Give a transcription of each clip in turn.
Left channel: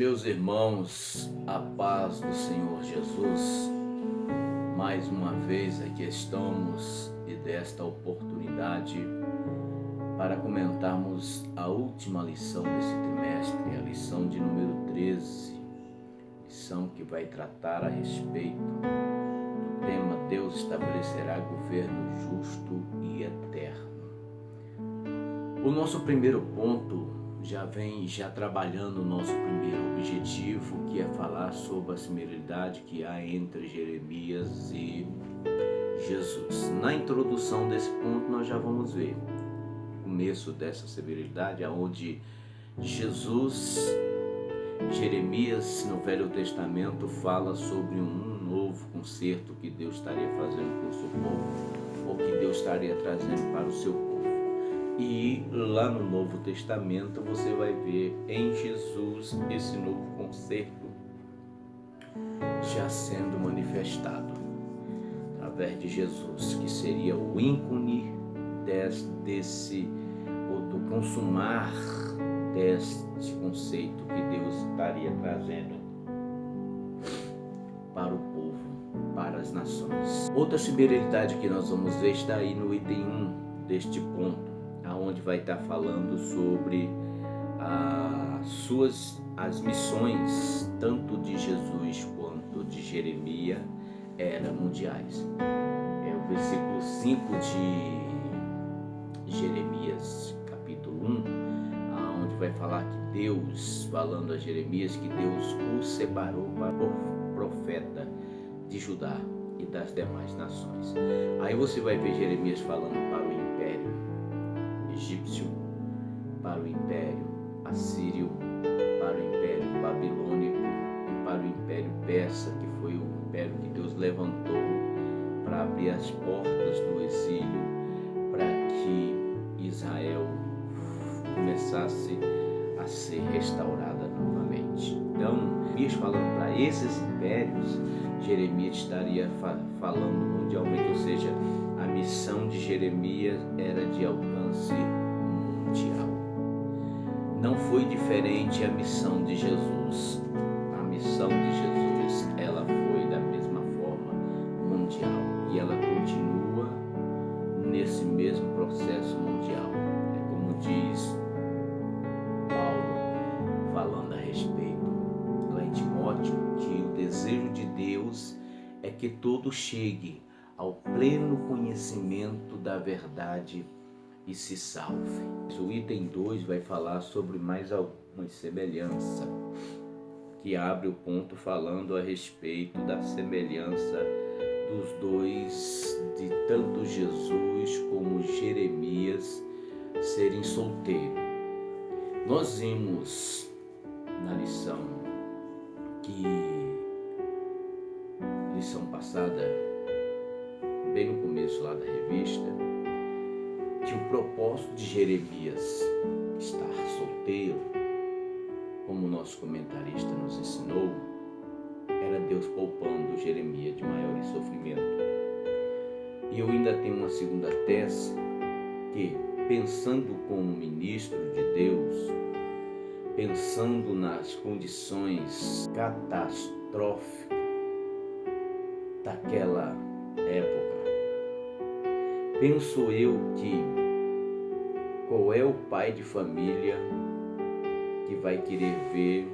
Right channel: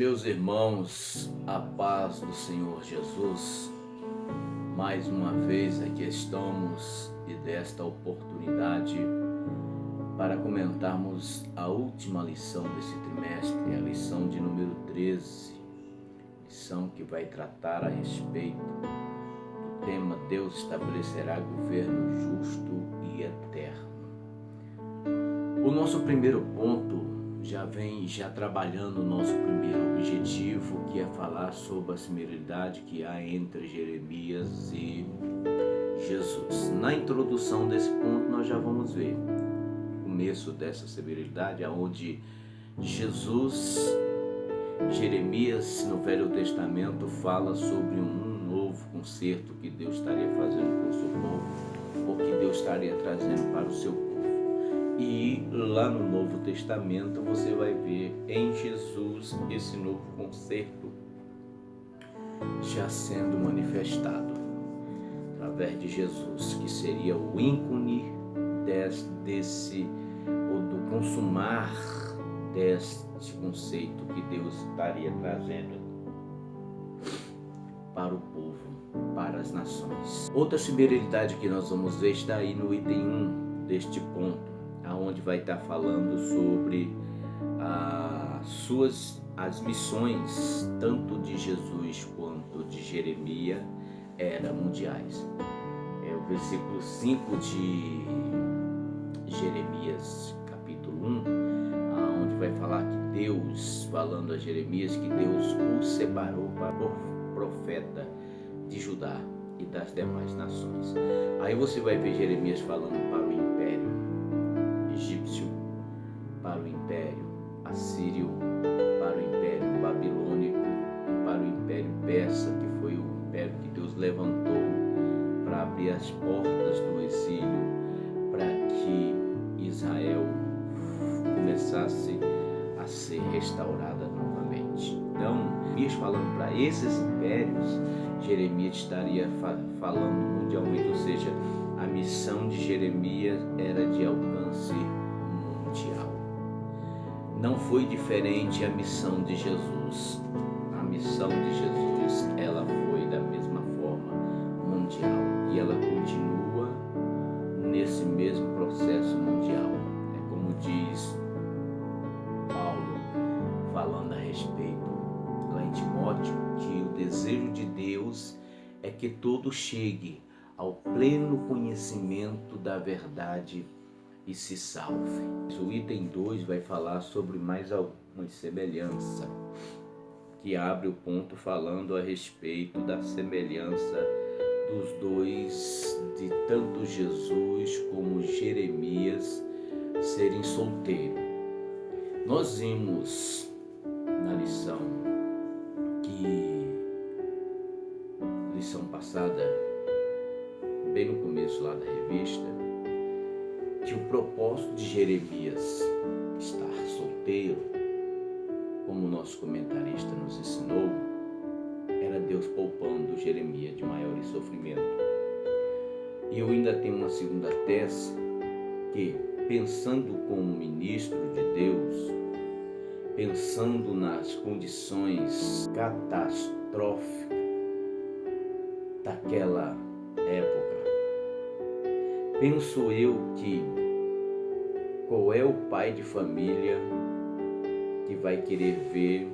Meus irmãos, a paz do Senhor Jesus, mais uma vez aqui estamos e desta oportunidade para comentarmos a última lição desse trimestre, a lição de número 13, lição que vai tratar a respeito do tema Deus estabelecerá governo justo e eterno. O nosso primeiro ponto já vem trabalhando o nosso primeiro objetivo, que é falar sobre a similaridade que há entre Jeremias e Jesus. Na introdução desse ponto nós já vamos ver o começo dessa similaridade, onde Jeremias no Velho Testamento fala sobre um novo concerto que Deus estaria fazendo com o seu povo, ou que Deus estaria trazendo para o seu povo. E lá no Novo Testamento você vai ver em Jesus esse novo concerto já sendo manifestado através de Jesus, que seria o ícone do consumar deste conceito que Deus estaria trazendo para o povo, para as nações. Outra similaridade que nós vamos ver está aí no item 1 deste ponto, aonde vai estar falando sobre as missões, tanto de Jesus quanto de Jeremias, eram mundiais. É o versículo 5 de Jeremias, capítulo 1, onde vai falar que Deus, falando a Jeremias, que Deus o separou para o profeta de Judá e das demais nações. Aí você vai ver Jeremias falando para o império egípcio, para o império assírio, para o império babilônico e para o império persa, que foi o império que Deus levantou para abrir as portas do exílio, para que Israel começasse a ser restaurada novamente. Então, Jeremias falando para esses impérios, Jeremias estaria falando mundialmente, ou seja, a missão de Jeremias era de alcance mundial. Não foi diferente a missão de Jesus. A missão de Jesus, ela foi da mesma forma mundial. E ela continua nesse mesmo processo mundial. É como diz Paulo, falando a respeito lá em Timóteo, que o desejo de Deus é que todo chegue ao pleno conhecimento da verdade e se salve. O item 2 vai falar sobre mais alguma semelhança, que abre o ponto falando a respeito da semelhança dos dois, de tanto Jesus como Jeremias serem solteiros. Nós vimos na lição passada, bem no começo lá da revista, que o propósito de Jeremias estar solteiro, como o nosso comentarista nos ensinou, era Deus poupando Jeremias de maior sofrimento. E eu ainda tenho uma segunda tese, que pensando como ministro de Deus, pensando nas condições catastróficas daquela época, penso eu que qual é o pai de família que vai querer ver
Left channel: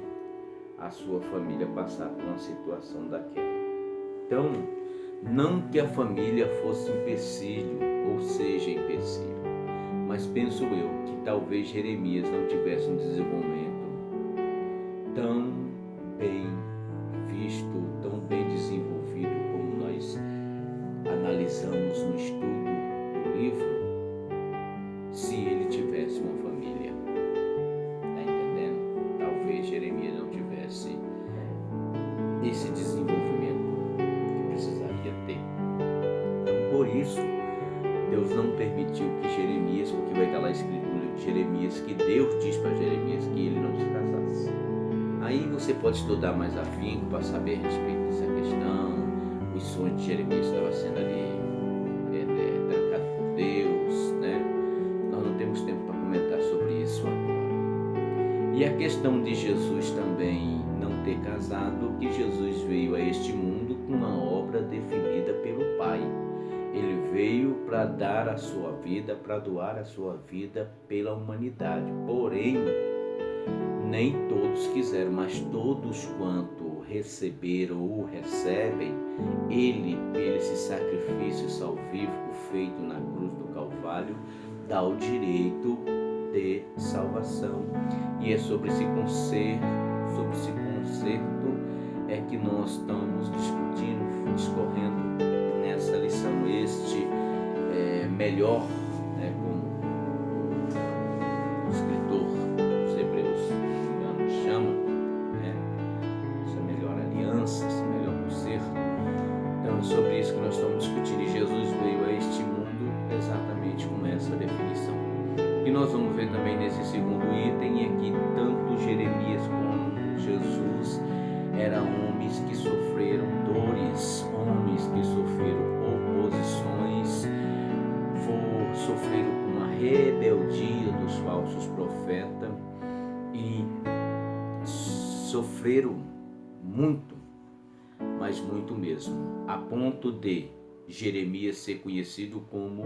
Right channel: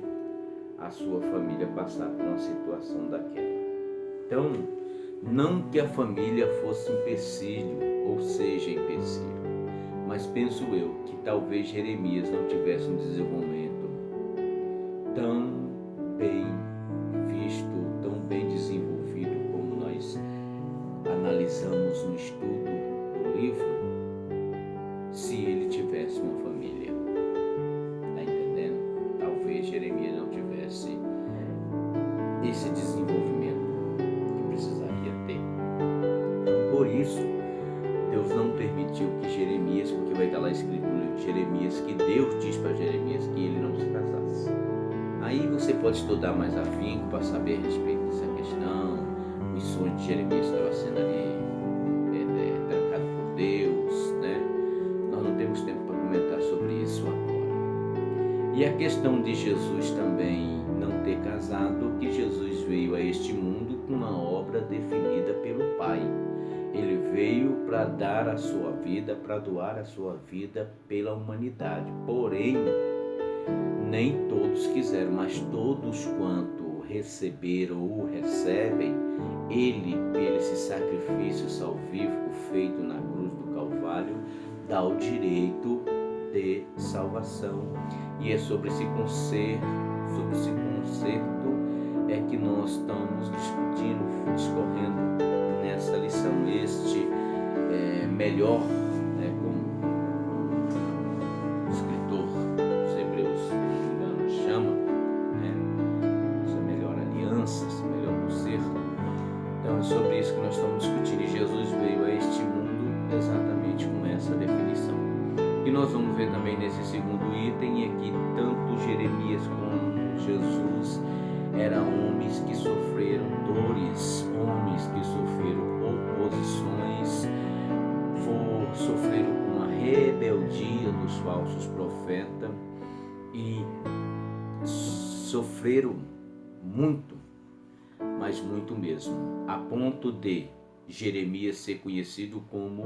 a sua família passar por uma situação daquela? Então, não que a família fosse empecilho ou seja empecilho, mas penso eu que talvez Jeremias não tivesse um desenvolvimento tão bem visto, tão bem desenvolvido como nós analisamos no estudo do livro, se ele tivesse uma família. Está entendendo? Talvez Jeremias não tivesse esse desenvolvimento que precisaria ter. Então, por isso, Deus não permitiu que Jeremias, porque vai estar lá escrito no livro de Jeremias, que Deus diz para Jeremias que ele não se casasse. Aí você pode estudar mais afinco para saber a respeito dessa questão. Os sonhos de Jeremias estavam sendo ali trancados por Deus, né? Nós não temos tempo para comentar sobre isso agora. E a questão de Jesus também não ter casado, que Jesus veio a este mundo com uma obra definida pelo Pai. Ele veio para dar a sua vida, para doar a sua vida pela humanidade. Porém, nem todos quiseram, mas todos quanto receberam ou recebem, ele, pelo esse sacrifício salvífico feito na cruz do Calvário, dá o direito de salvação. E é sobre esse concerto é que nós estamos discorrendo nessa lição. Este melhor, como o escritor dos Hebreus, se não me engano, chama, essa melhor aliança, esse melhor concerto. Então é sobre isso que nós estamos discutindo. E Jesus veio a este mundo exatamente com essa definição. E nós vamos ver também nesse segundo item é que tanto Jeremias como Jesus eram homens que sofreram dores, homens que sofreram oposições, sofreram com a rebeldia dos falsos profetas e sofreram muito, mas muito mesmo, a ponto de Jeremias ser conhecido como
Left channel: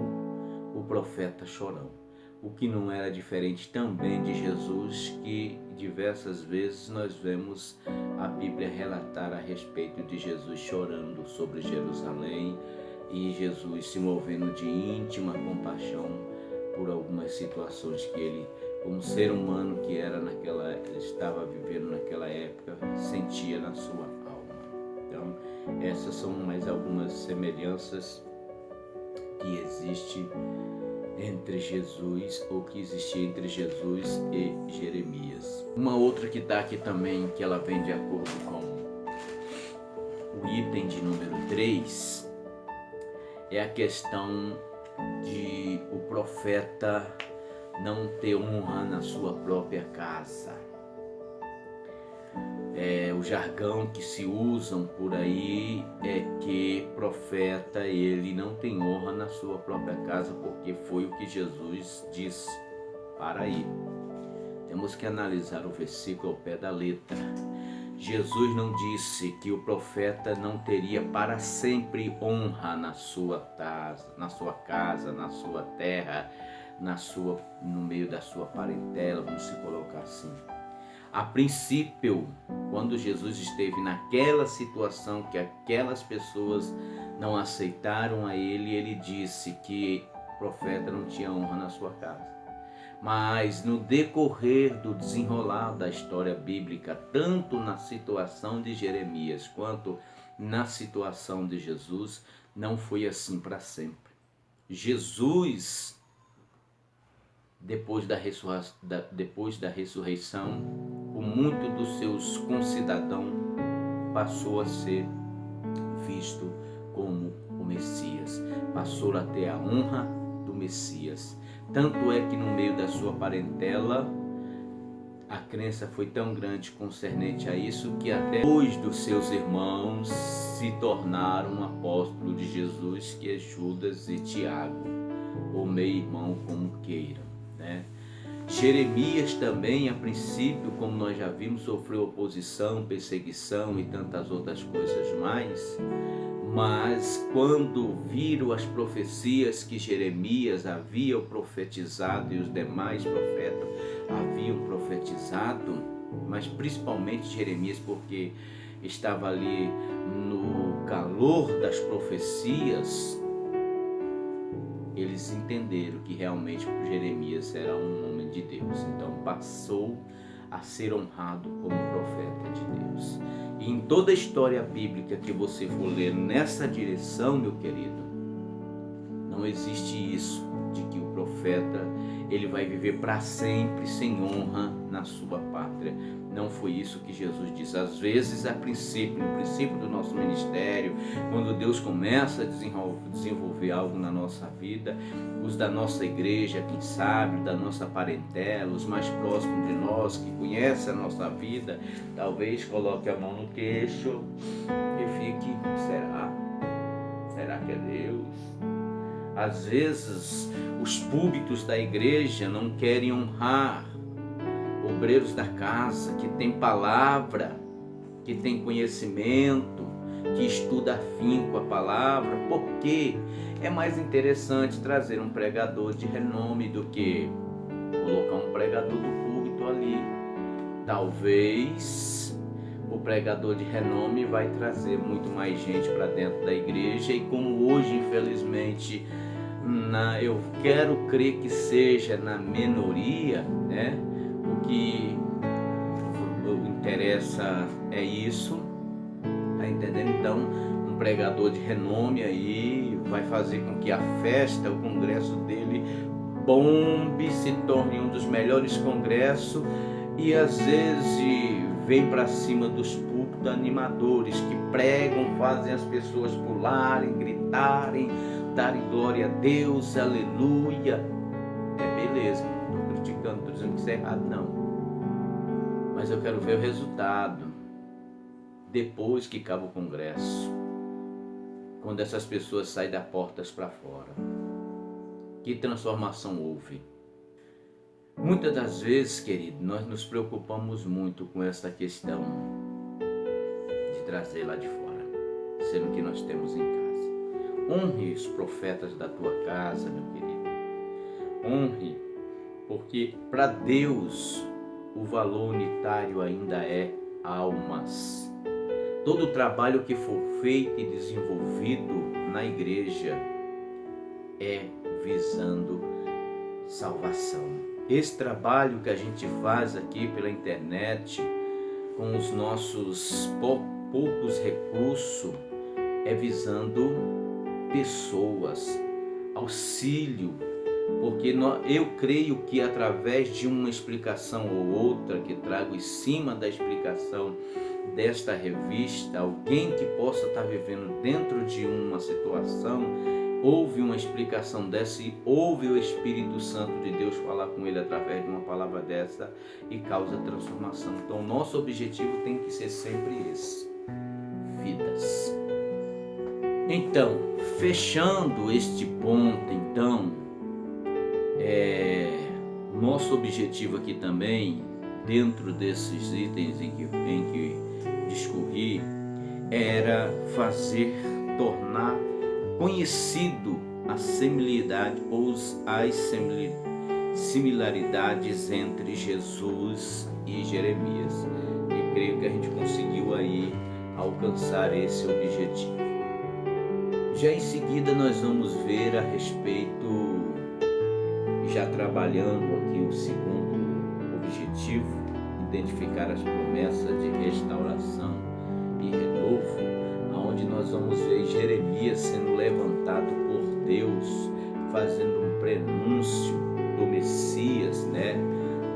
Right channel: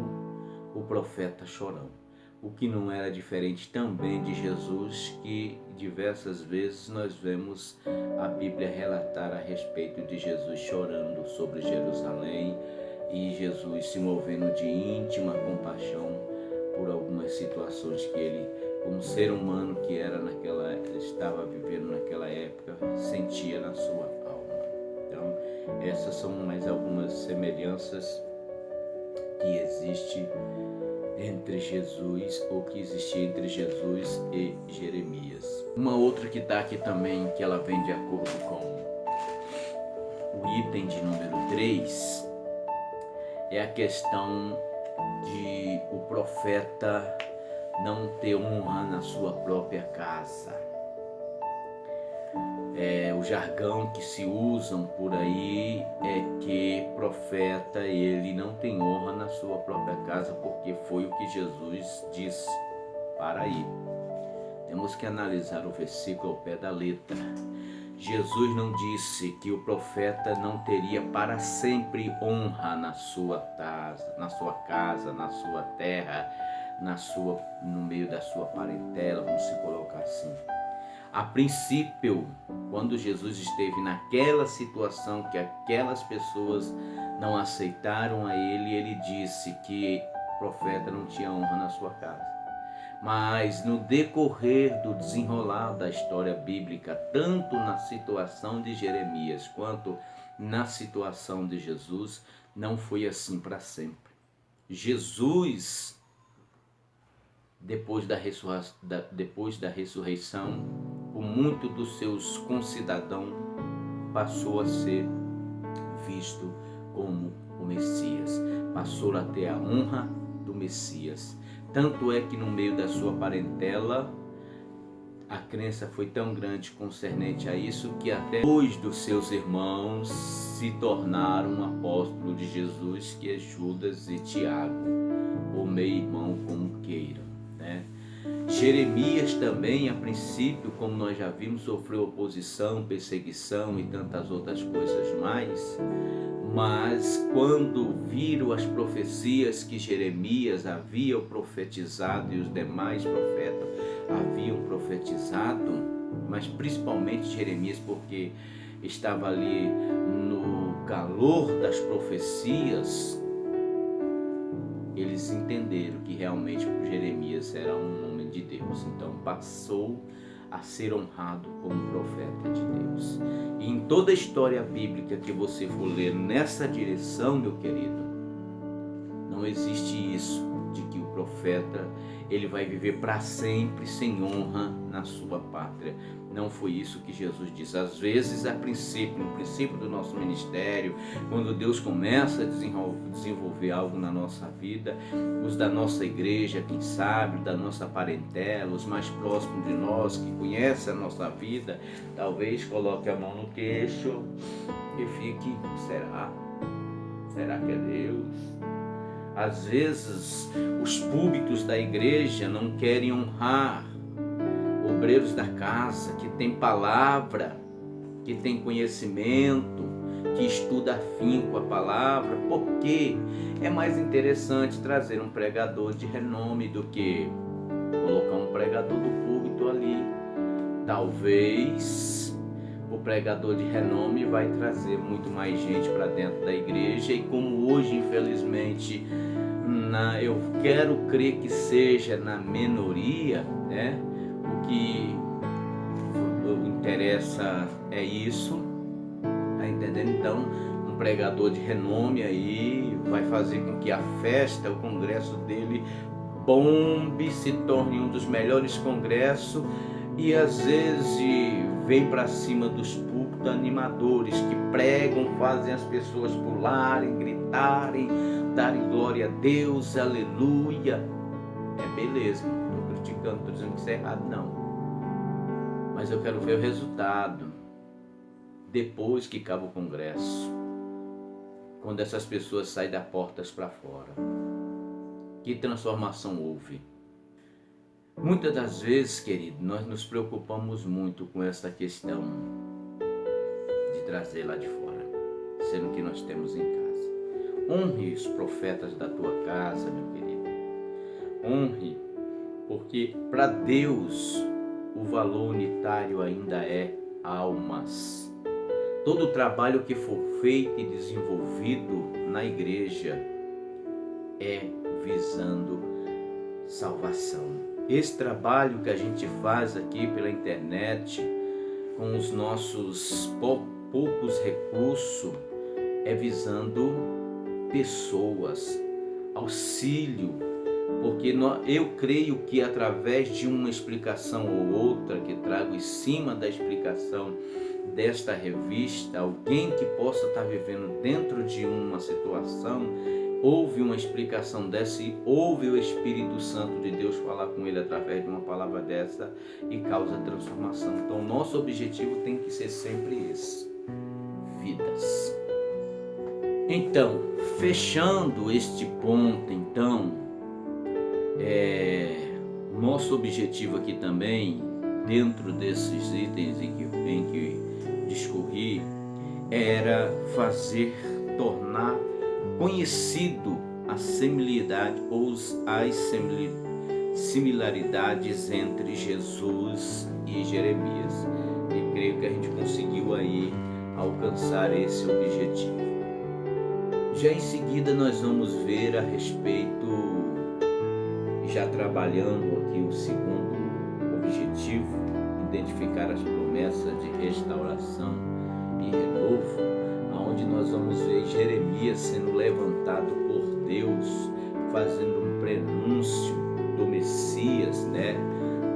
o profeta chorão. O que não era diferente também de Jesus, que diversas vezes nós vemos a Bíblia relatar a respeito de Jesus chorando sobre Jerusalém e Jesus se movendo de íntima compaixão por algumas situações que ele, como ser humano que estava vivendo naquela época, sentia na sua alma. Então, essas são mais algumas semelhanças que existem entre Jesus, ou que existia entre Jesus e Jeremias. Uma outra que está aqui também, que ela vem de acordo com o item de número 3, é a questão de o profeta não ter honra na sua própria casa. O jargão que se usam por aí é que profeta ele não tem honra na sua própria casa, porque foi o que Jesus disse para ir. Temos que analisar o versículo ao pé da letra. Jesus não disse que o profeta não teria para sempre honra na sua casa, na sua terra, no meio da sua parentela, vamos se colocar assim. A princípio, quando Jesus esteve naquela situação que aquelas pessoas não aceitaram a ele, ele disse que o profeta não tinha honra na sua casa. Mas no decorrer do desenrolar da história bíblica, tanto na situação de Jeremias quanto na situação de Jesus, não foi assim para sempre. Jesus, depois da ressurreição, por muito dos seus concidadãos, passou a ser visto como o Messias, passou a ter a honra do Messias. Tanto é que no meio da sua parentela, a crença foi tão grande concernente a isso, que até dois dos seus irmãos se tornaram apóstolos de Jesus, que é Judas e Tiago, ou meio-irmão, como queiram, Jeremias também, a princípio, como nós já vimos, sofreu oposição, perseguição e tantas outras coisas mais. Mas quando viram as profecias que Jeremias havia profetizado e os demais profetas haviam profetizado, mas principalmente Jeremias, porque estava ali no calor das profecias, eles entenderam que realmente Jeremias era um homem de Deus. Então passou a ser honrado como profeta de Deus. E em toda a história bíblica que você for ler nessa direção, meu querido, não existe isso de que o profeta ele vai viver para sempre sem honra na sua pátria. Não foi isso que Jesus disse. Às vezes, no princípio do nosso ministério, quando Deus começa a desenvolver algo na nossa vida, os da nossa igreja, quem sabe, da nossa parentela, os mais próximos de nós, que conhecem a nossa vida, talvez coloque a mão no queixo e fique, será? Será que é Deus? Às vezes, os púlpitos da igreja não querem honrar obreiros da casa, que tem palavra, que tem conhecimento, que estuda afinco a palavra, porque é mais interessante trazer um pregador de renome do que colocar um pregador do púlpito ali. Talvez o pregador de renome vai trazer muito mais gente para dentro da igreja, e como hoje, infelizmente, eu quero crer que seja na minoria, né? O que interessa é isso, tá entendendo? Então, um pregador de renome aí vai fazer com que a festa, o congresso dele bombe, se torne um dos melhores congressos, e às vezes vem para cima dos púlpitos animadores que pregam, fazem as pessoas pularem, gritarem, darem glória a Deus, aleluia. É beleza, não estou criticando, não estou dizendo que isso é errado, não. Mas eu quero ver o resultado depois que acaba o congresso, quando essas pessoas saem das portas para fora. Que transformação houve? Muitas das vezes, querido, nós nos preocupamos muito com essa questão de trazer lá de fora, sendo que nós temos em casa. Honre os profetas da tua casa, meu querido. Honre, porque para Deus o valor unitário ainda é almas. Todo o trabalho que for feito e desenvolvido na igreja é visando salvação. Esse trabalho que a gente faz aqui pela internet, com os nossos poucos recursos, é visando pessoas, auxílio, porque eu creio que através de uma explicação ou outra que trago em cima da explicação desta revista, alguém que possa estar vivendo dentro de uma situação, ouve uma explicação dessa e ouve o Espírito Santo de Deus falar com ele através de uma palavra dessa e causa transformação. Então, nosso objetivo tem que ser sempre esse: vidas. Então, fechando este ponto, nosso objetivo aqui também, dentro desses itens em que discorri, era tornar conhecido a similaridade ou as similaridades entre Jesus e Jeremias. E creio que a gente conseguiu aí alcançar esse objetivo. Já em seguida nós vamos ver a respeito, já trabalhando aqui o segundo objetivo, identificar as promessas de restauração e renovo, onde nós vamos ver Jeremias sendo levantado por Deus, fazendo um prenúncio do Messias, né?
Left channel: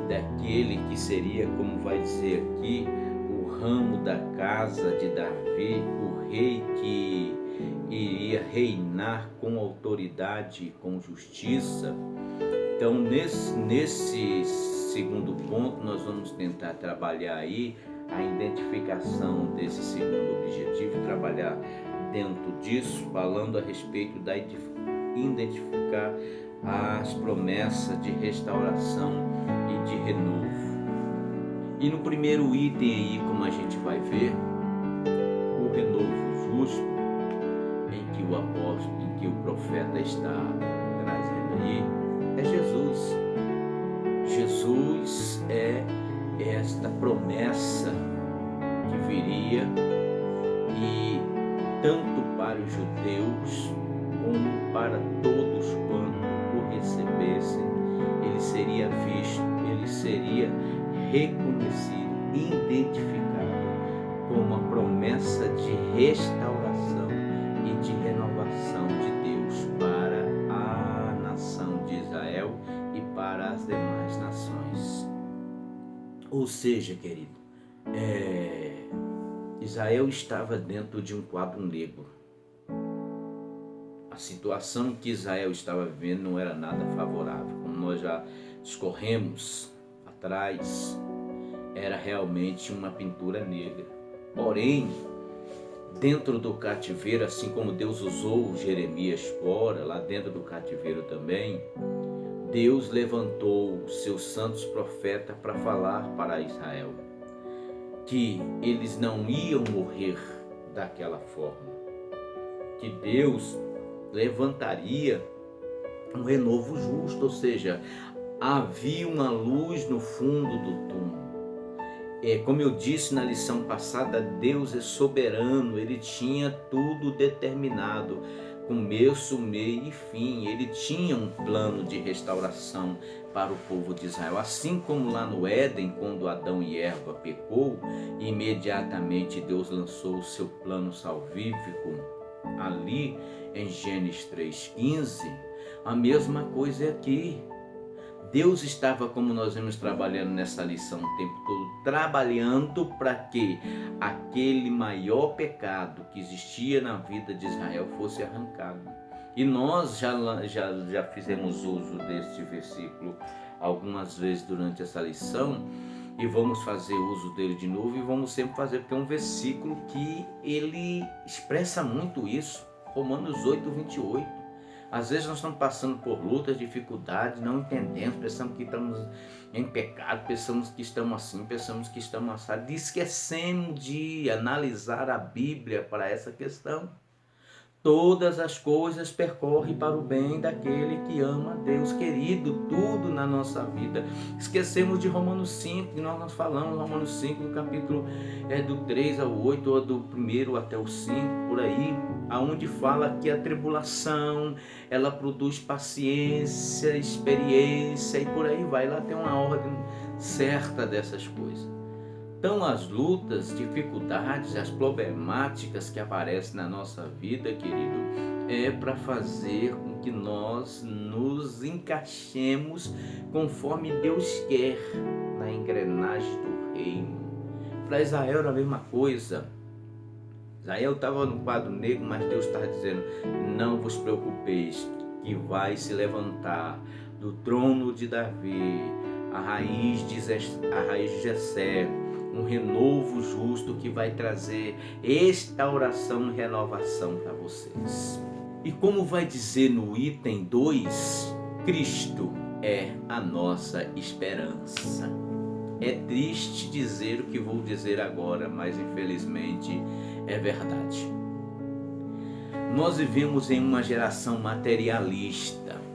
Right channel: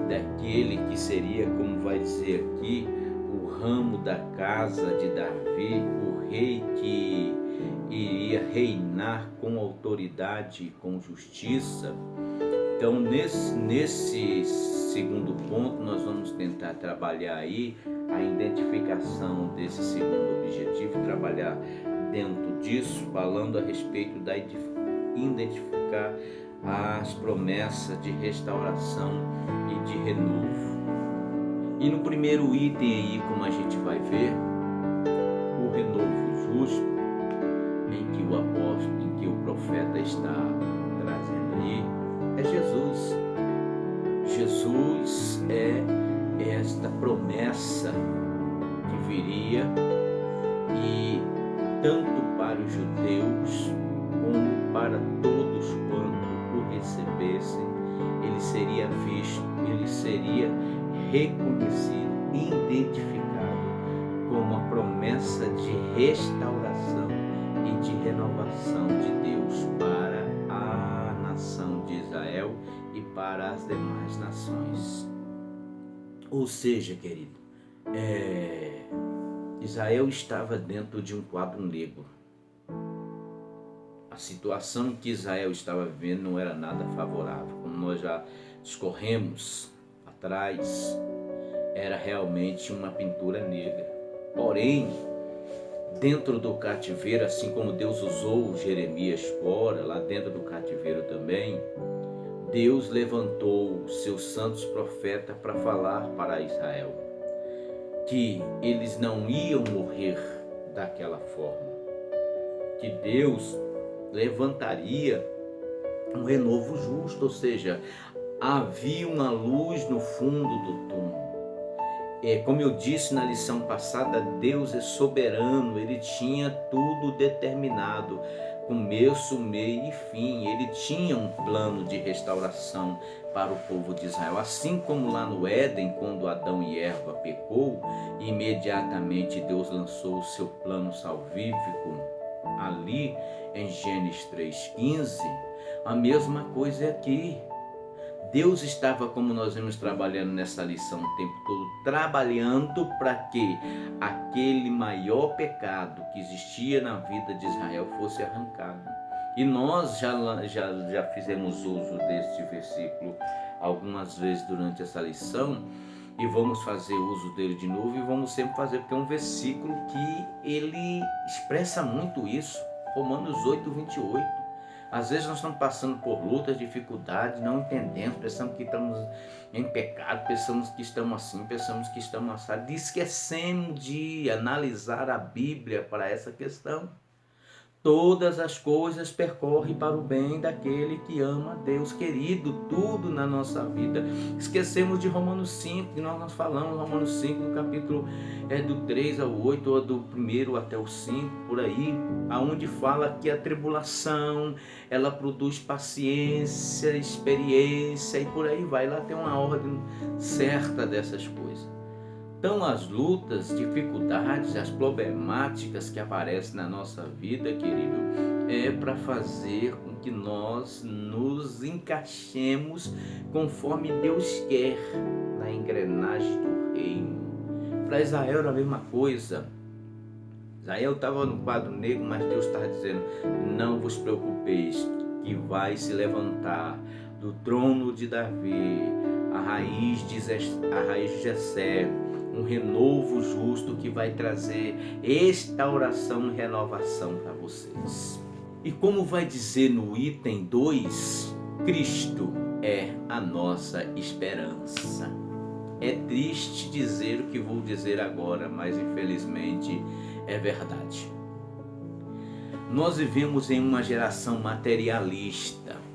Daquele que seria, como vai dizer aqui, o ramo da casa de Davi, o rei que iria reinar com autoridade e com justiça. Então, nesse segundo ponto, nós vamos tentar trabalhar aí a identificação desse segundo objetivo, trabalhar dentro disso, falando a respeito da identificar as promessas de restauração e de renovo. E no primeiro item aí, como a gente vai ver, o renovo justo, em que o profeta está trazendo aí, é Jesus. Jesus é esta promessa que viria, e tanto para os judeus como para todos quanto o recebessem, ele seria visto, ele seria reconhecido, identificado como a promessa de restauração e de renovação de Deus para a nação de Israel e para as demais nações. Ou seja, querido, Israel estava dentro de um quadro negro. A situação que Israel estava vivendo não era nada favorável. Como nós já discorremos atrás, era realmente uma pintura negra. Porém, dentro do cativeiro, assim como Deus usou Jeremias fora, lá dentro do cativeiro também, Deus levantou os seus santos profetas para falar para Israel que eles não iam morrer daquela forma, que Deus levantaria um renovo justo, ou seja, havia uma luz no fundo do túmulo. Como eu disse na lição passada, Deus é soberano, Ele tinha tudo determinado, começo, meio e fim. Ele tinha um plano de restauração para o povo de Israel. Assim como lá no Éden, quando Adão e Eva pecou, imediatamente Deus lançou o seu plano salvífico ali em Gênesis 3,15, a mesma coisa é aqui. Deus estava, como nós vimos trabalhando nessa lição o tempo todo, trabalhando para que aquele maior pecado que existia na vida de Israel fosse arrancado. E nós já fizemos uso deste versículo algumas vezes durante essa lição, e vamos fazer uso dele de novo, e vamos sempre fazer, porque é um versículo que ele expressa muito isso. Romanos 8:28. Às vezes nós estamos passando por lutas, dificuldades, não entendemos, pensamos que estamos em pecado, pensamos que estamos assim, pensamos que estamos assado. Esquecemos de analisar a Bíblia para essa questão. Todas as coisas percorrem para o bem daquele que ama a Deus, querido, tudo na nossa vida. Esquecemos de Romanos 5, que nós falamos, Romanos 5, no capítulo do 3 ao 8, ou do 1 até o 5, por aí, aonde fala que a tribulação, ela produz paciência, experiência, e por aí vai, lá tem uma ordem certa dessas coisas. Então as lutas, dificuldades, as problemáticas que aparecem na nossa vida, querido, é para fazer com que nós nos encaixemos conforme Deus quer na engrenagem do reino. Para Israel era a mesma coisa. Israel estava no quadro negro, mas Deus estava dizendo: não vos preocupeis, que vai se levantar do trono de Davi a raiz de Jessé, um renovo justo que vai trazer restauração e renovação para vocês. E como vai dizer no item 2, Cristo é a nossa esperança. É triste dizer o que vou dizer agora, mas infelizmente é verdade. Nós vivemos em uma geração materialista.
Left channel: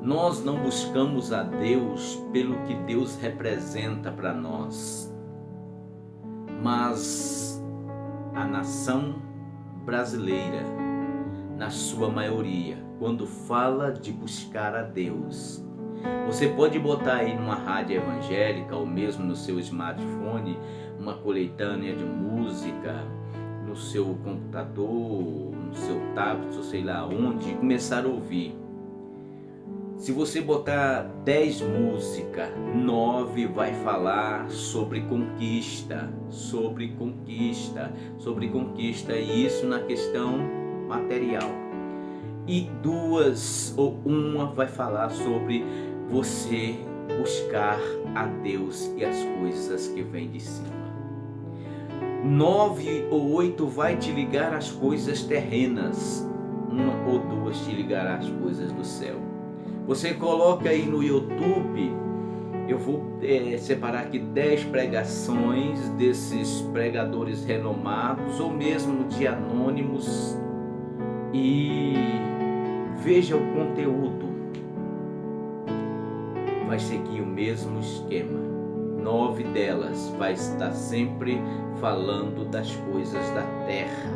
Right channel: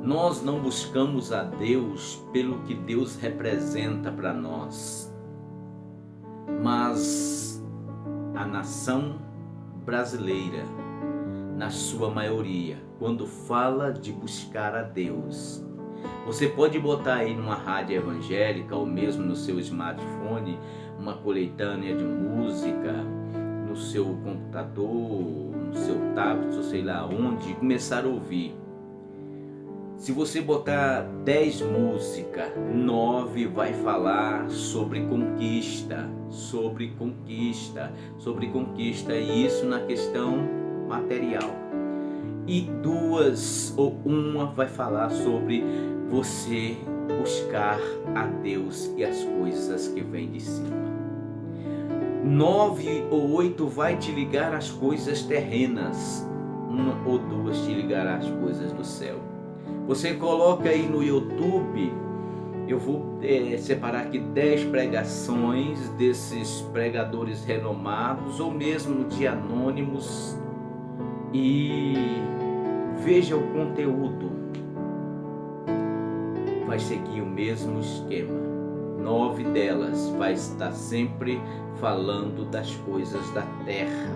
Nós não buscamos a Deus pelo que Deus representa para nós, mas a nação brasileira, na sua maioria, quando fala de buscar a Deus, você pode botar aí numa rádio evangélica ou mesmo no seu smartphone uma coletânea de música, no seu computador, no seu tablet, ou sei lá onde, e começar a ouvir. Se você botar 10 músicas, 9 vai falar sobre conquista, e isso na questão material. E 2 ou 1 vai falar sobre você buscar a Deus e as coisas que vêm de cima. 9 ou 8 vai te ligar às coisas terrenas, 1 ou 2 te ligará às coisas do céu. Você coloca aí no YouTube, eu vou separar aqui 10 pregações desses pregadores renomados, ou mesmo de anônimos, e veja o conteúdo. Vai seguir o mesmo esquema. 9 delas vai estar sempre falando das coisas da terra,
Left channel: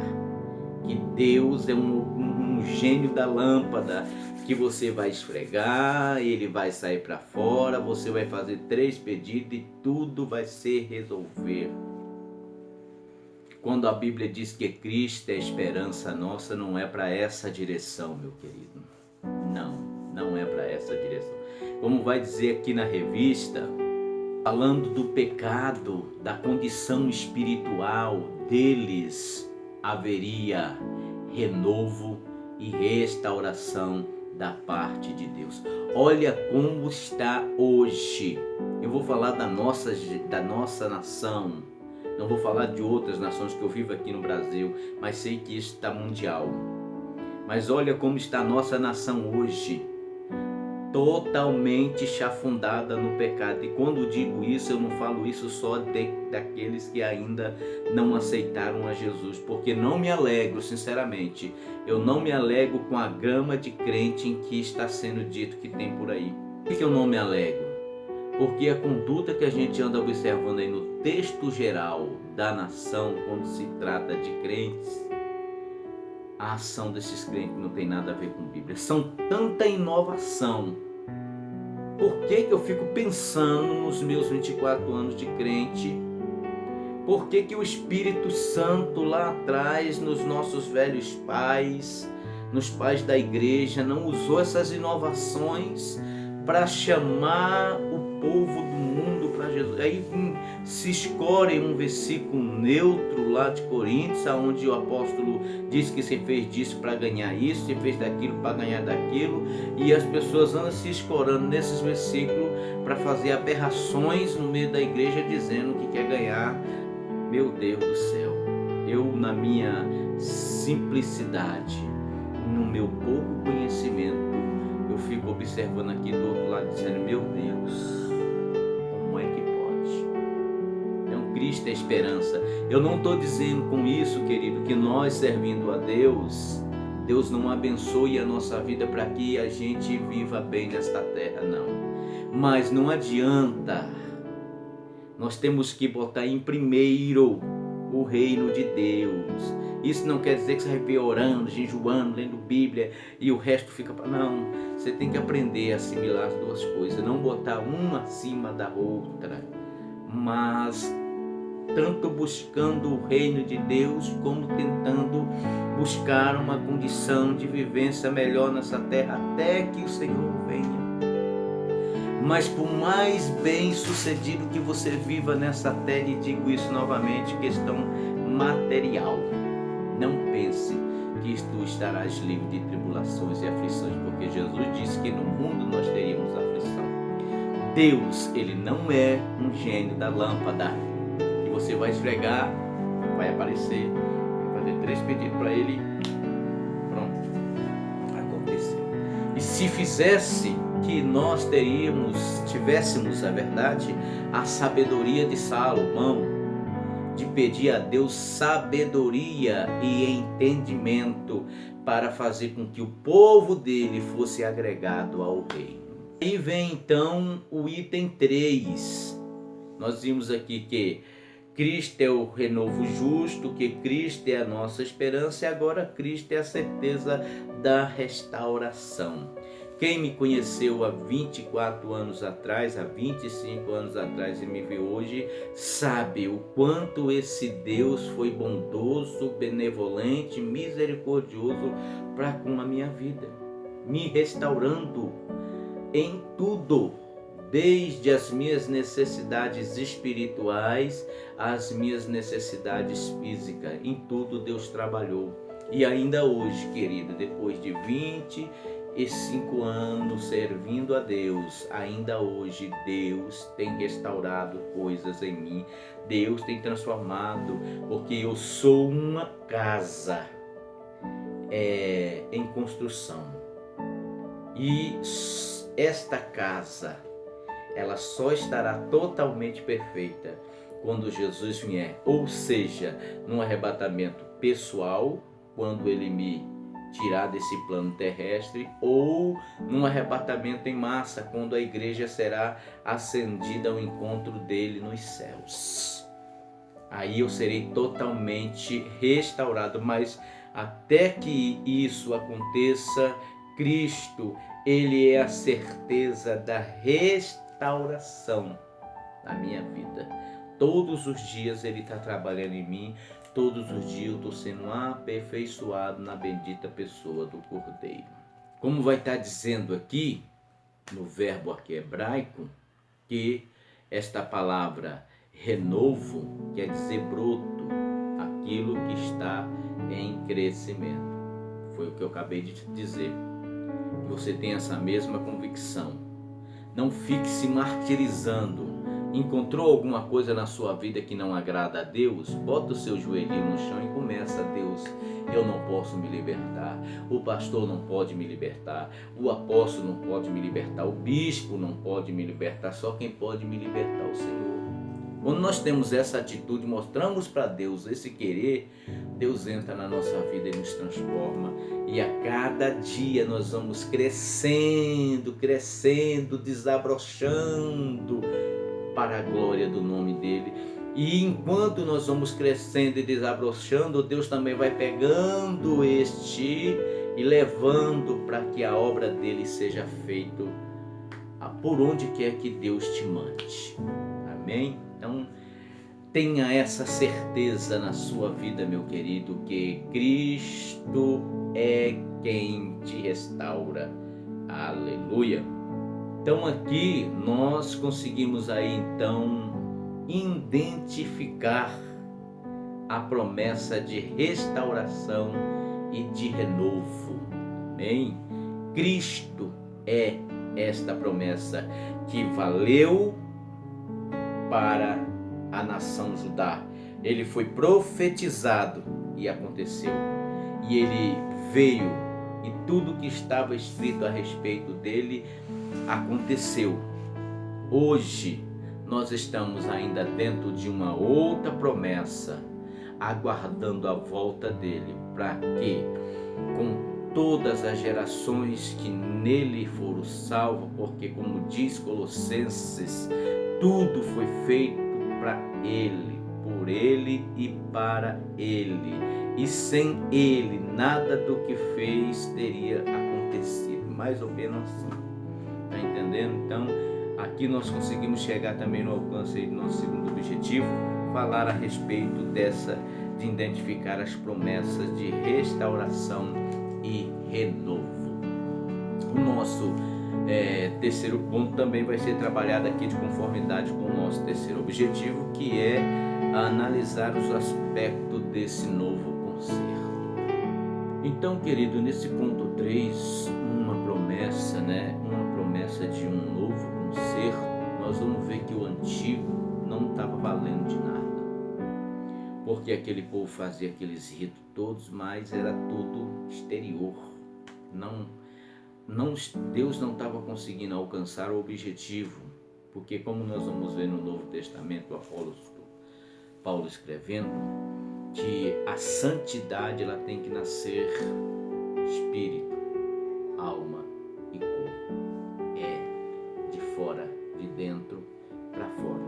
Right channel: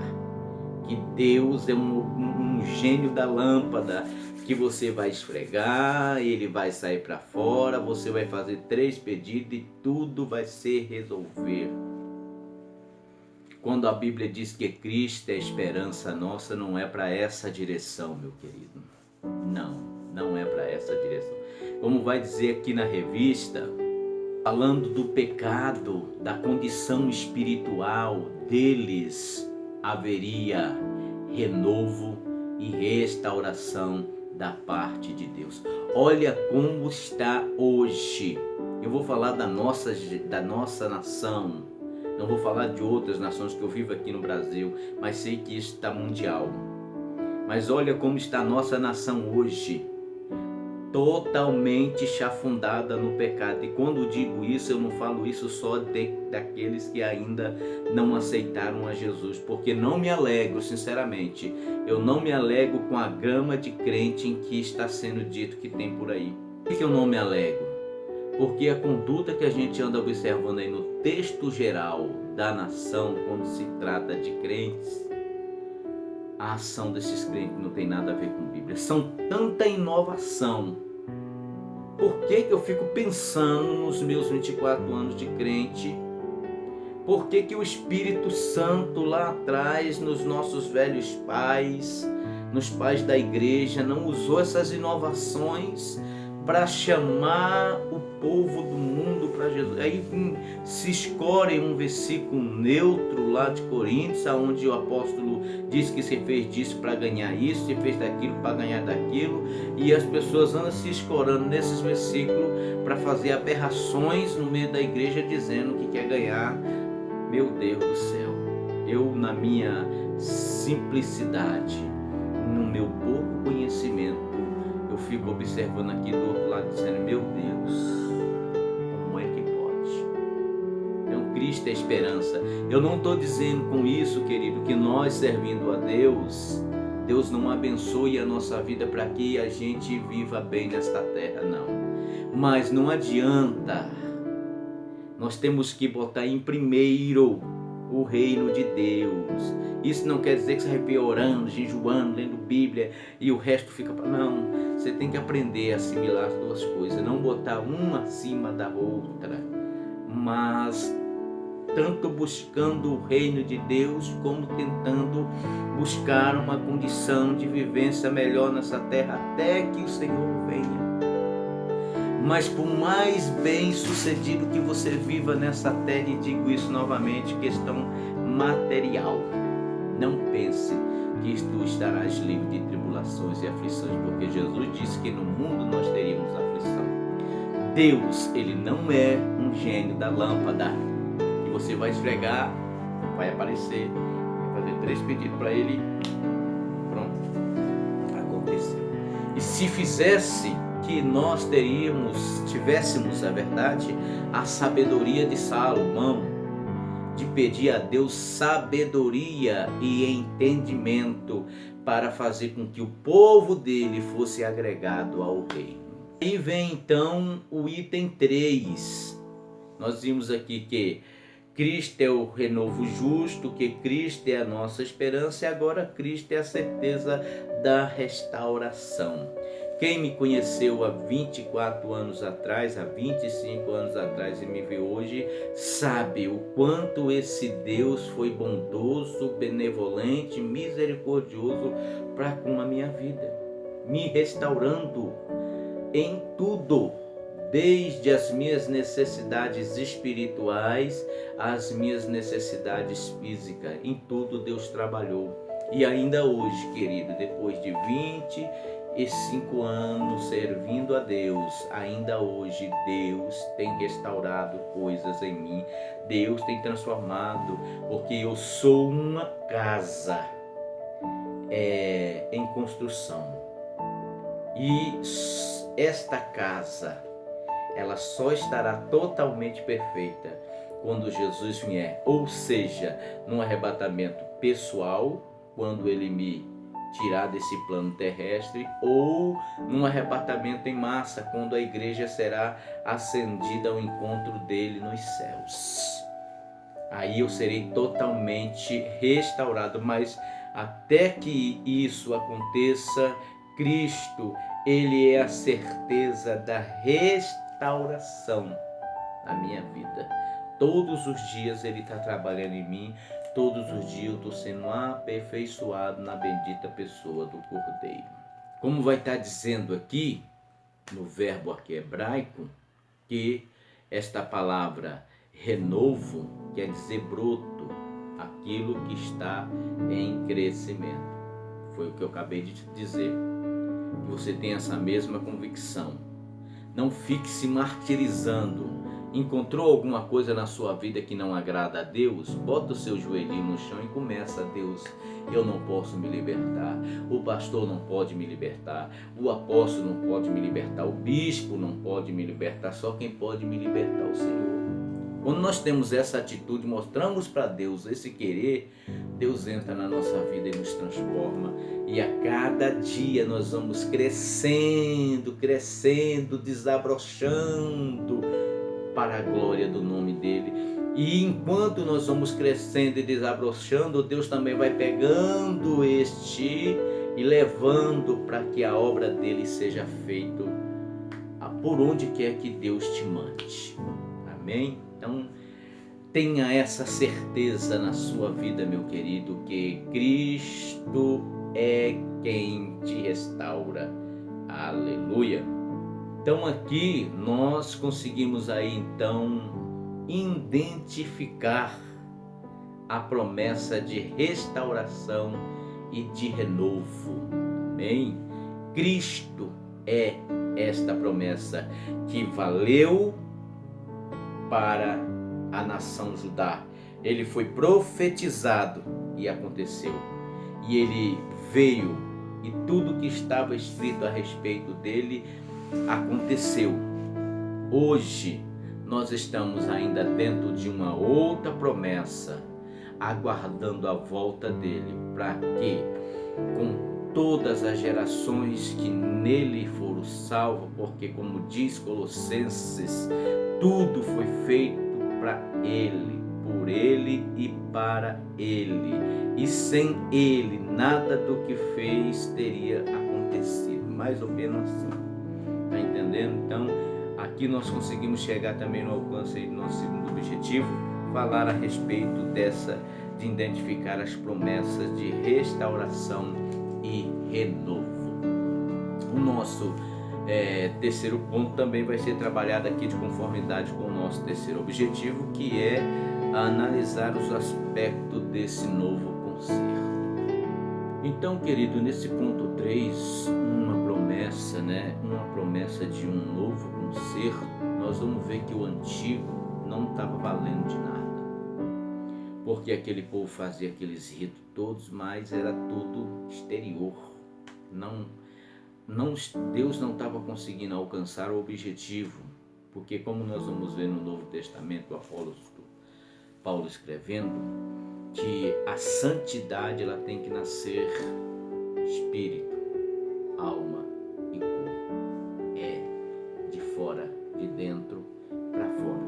que Deus é um gênio da lâmpada, que você vai esfregar, ele vai sair para fora, você vai fazer 3 pedidos e tudo vai se resolver. Quando a Bíblia diz que Cristo é a esperança nossa, não é para essa direção, meu querido. Não é para essa direção. Como vai dizer aqui na revista, falando do pecado, da condição espiritual deles, haveria renovo e restauração da parte de Deus. Olha como está hoje. Eu vou falar da nossa nação. Não vou falar de outras nações, que eu vivo aqui no Brasil, mas sei que isso está mundial. Mas olha como está a nossa nação hoje. totalmente chafundada no pecado. E quando digo isso, eu não falo isso só daqueles que ainda não aceitaram a Jesus, porque não me alegro, sinceramente, eu não me alegro com a gama de crente em que está sendo dito que tem por aí. Por que eu não me alegro? Porque a conduta que a gente anda observando aí no texto geral da nação, quando se trata de crentes, a ação desses crentes não tem nada a ver com a Bíblia. São tanta inovação. Por que eu fico pensando nos meus 24 anos de crente? Por que o Espírito Santo lá atrás, nos nossos velhos pais, nos pais da igreja, não usou essas inovações para chamar o povo do mundo para Jesus? Aí se escolhe um versículo neutro lá de Coríntios, onde o apóstolo diz que se fez disso para ganhar isso, se fez daquilo para ganhar daquilo, e as pessoas andam se escorando nesses versículos para fazer aberrações no meio da igreja, dizendo que quer ganhar. Meu Deus do céu, eu, na minha simplicidade, no meu pouco conhecimento, eu fico observando aqui do outro lado, dizendo: meu Deus, como é que pode? Então, Cristo é a esperança. Eu não estou dizendo com isso, querido, que nós, servindo a Deus, Deus não abençoe a nossa vida para que a gente viva bem nesta terra, não. Mas não adianta. Nós temos que botar em primeiro o reino de Deus. Isso não quer dizer que você vai vir orando, jejuando, lendo Bíblia e o resto fica para... Não, você tem que aprender a assimilar as duas coisas, não botar uma acima da outra, mas tanto buscando o reino de Deus como tentando buscar uma condição de vivência melhor nessa terra até que o Senhor venha. Mas por mais bem sucedido que você viva nessa terra, e digo isso novamente, questão material, não pense que tu estarás livre de tribulações e aflições, porque Jesus disse que no mundo nós teríamos aflição. Deus, ele não é um gênio da lâmpada, que você vai esfregar, vai aparecer, vai fazer 3 pedidos para ele, pronto, aconteceu. E se fizesse que nós tivéssemos a verdade, a sabedoria de Salomão, de pedir a Deus sabedoria e entendimento para fazer com que o povo dele fosse agregado ao reino. Aí vem então o item 3. Nós vimos aqui que Cristo é o renovo justo, que Cristo é a nossa esperança, e agora Cristo é a certeza da restauração. Quem me conheceu há 24 anos atrás, há 25 anos atrás e me vê hoje, sabe o quanto esse Deus foi bondoso, benevolente, misericordioso para com a minha vida, me restaurando em tudo, desde as minhas necessidades espirituais às minhas necessidades físicas. Em tudo Deus trabalhou. E ainda hoje, querido, depois de 25 anos servindo a Deus, ainda hoje Deus tem restaurado coisas em mim, Deus tem transformado, porque eu sou uma casa em construção, e esta casa ela só estará totalmente perfeita quando Jesus vier, ou seja, num arrebatamento pessoal, quando ele me tirar desse plano terrestre, ou num arrebatamento em massa, quando a igreja será ascendida ao encontro dele nos céus. Aí eu serei totalmente restaurado, mas até que isso aconteça, Cristo, ele é a certeza da restauração na minha vida. Todos os dias ele está trabalhando em mim. Todos os dias eu estou sendo aperfeiçoado na bendita pessoa do Cordeiro. Como vai estar dizendo aqui, no verbo aqui hebraico, que esta palavra renovo quer dizer broto, aquilo que está em crescimento. Foi o que eu acabei de te dizer. Que você tenha essa mesma convicção. Não fique se martirizando Encontrou alguma coisa na sua vida que não agrada a Deus? Bota o seu joelhinho no chão e começa: Deus, eu não posso me libertar, o pastor não pode me libertar, o apóstolo não pode me libertar, o bispo não pode me libertar, só quem pode me libertar é o Senhor. Quando nós temos essa atitude, mostramos para Deus esse querer, Deus entra na nossa vida e nos transforma. E a cada dia nós vamos crescendo, desabrochando para a glória do nome dele. E enquanto nós vamos crescendo e desabrochando, Deus também vai pegando e levando para que a obra dele seja feita por onde quer que Deus te mande. Amém? Então, tenha essa certeza na sua vida, meu querido, que Cristo é quem te restaura. Aleluia! Então aqui nós conseguimos aí então identificar a promessa de restauração e de renovo. Amém? Cristo é esta promessa que valeu para a nação Judá. Ele foi profetizado e aconteceu. E ele veio e tudo que estava escrito a respeito dele aconteceu. Hoje nós estamos ainda dentro de uma outra promessa, aguardando a volta dele, para que com todas as gerações que nele foram salvas, porque como diz Colossenses, tudo foi feito para ele, por ele e para ele, e sem ele nada do que fez teria acontecido. Mais ou menos assim, tá entendendo? Então aqui nós conseguimos chegar também no alcance do nosso segundo objetivo, falar a respeito de identificar as promessas de restauração e renovo. O nosso terceiro ponto também vai ser trabalhado aqui de conformidade com o nosso terceiro objetivo, que é analisar os aspectos desse novo concerto. Então, querido, nesse ponto 3, uma promessa, uma promessa de um novo concerto, nós vamos ver que o antigo não estava valendo de nada, porque aquele povo fazia aqueles ritos todos, mas era tudo exterior. Deus não estava conseguindo alcançar o objetivo, porque como nós vamos ver no Novo Testamento, o apóstolo Paulo escrevendo, que a santidade ela tem que nascer espírito, alma e corpo. É de fora, de dentro para fora.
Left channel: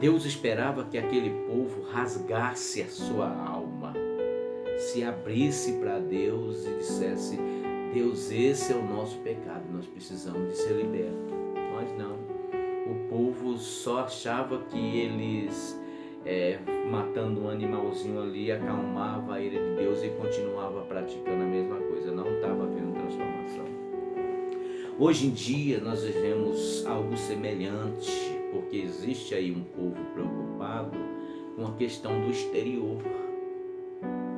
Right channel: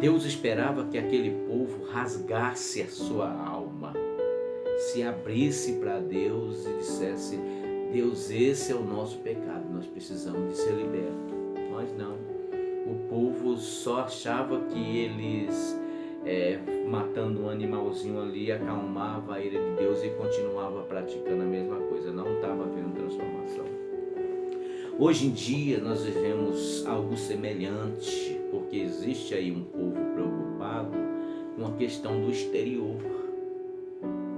Deus esperava que aquele povo rasgasse a sua alma, se abrisse para Deus e dissesse: Deus, esse é o nosso pecado, nós precisamos de ser libertos. Nós não. O povo só achava que eles matando um animalzinho ali acalmava a ira de Deus e continuava praticando a mesma coisa. Não estava havendo transformação. Hoje em dia nós vivemos algo semelhante, porque existe aí um povo preocupado com a questão do exterior,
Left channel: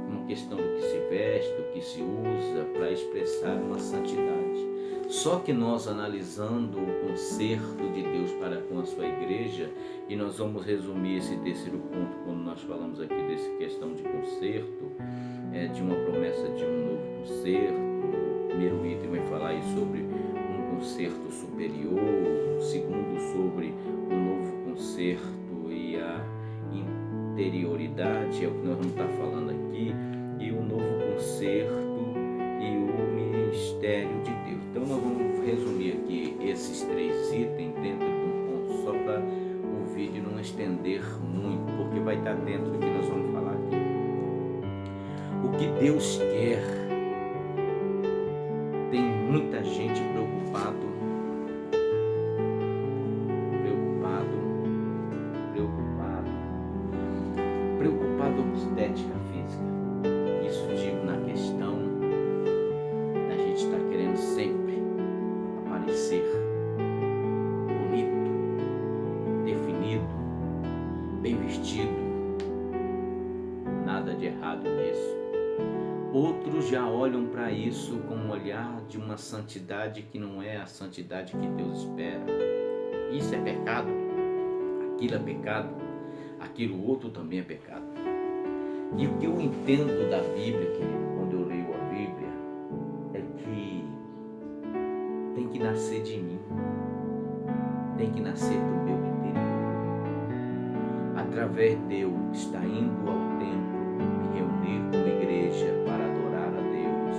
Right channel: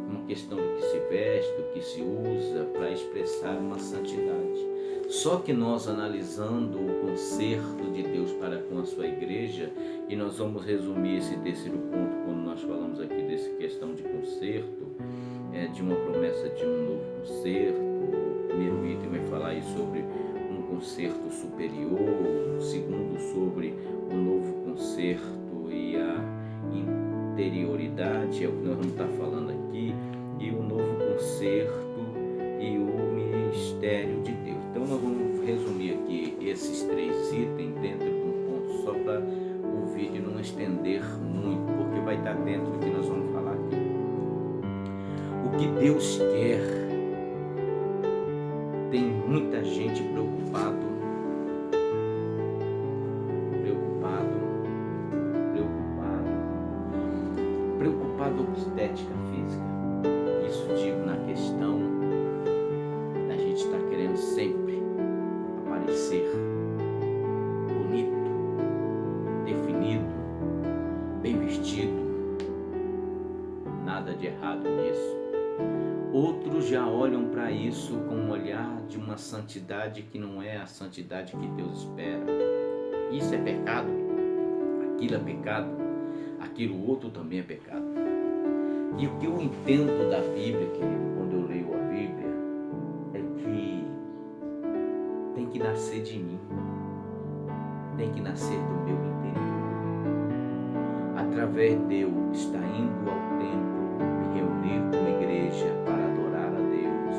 uma questão do que se veste, do que se usa para expressar uma santidade. Só que nós, analisando o concerto de Deus para com a sua igreja, e nós vamos resumir esse terceiro ponto quando nós falamos aqui dessa questão de concerto, de uma promessa de um novo concerto. O primeiro item vai falar aí sobre um concerto superior, o segundo sobre o novo concerto e a interioridade, é o que nós vamos estar falando aqui, e o novo concerto e o mistério de Deus. Então nós vamos resumir aqui esses 3 itens dentro de um ponto só para o vídeo não estender muito, porque vai estar dentro do que nós vamos falar aqui. O que Deus quer, tem muita gente preocupado com estética física. Isso digo na questão da gente estar querendo sempre aparecer bonito, definido, bem vestido. Nada de errado nisso. Outros já olham para isso com um olhar de uma santidade que não é a santidade que Deus espera. Isso é pecado? aquilo é pecado, aquilo outro também é pecado. E o que eu entendo da Bíblia, querido, quando eu leio a Bíblia, é que tem que nascer de mim, tem que nascer do meu interior. Através de eu estar indo ao templo, me reunir com a igreja para adorar a Deus,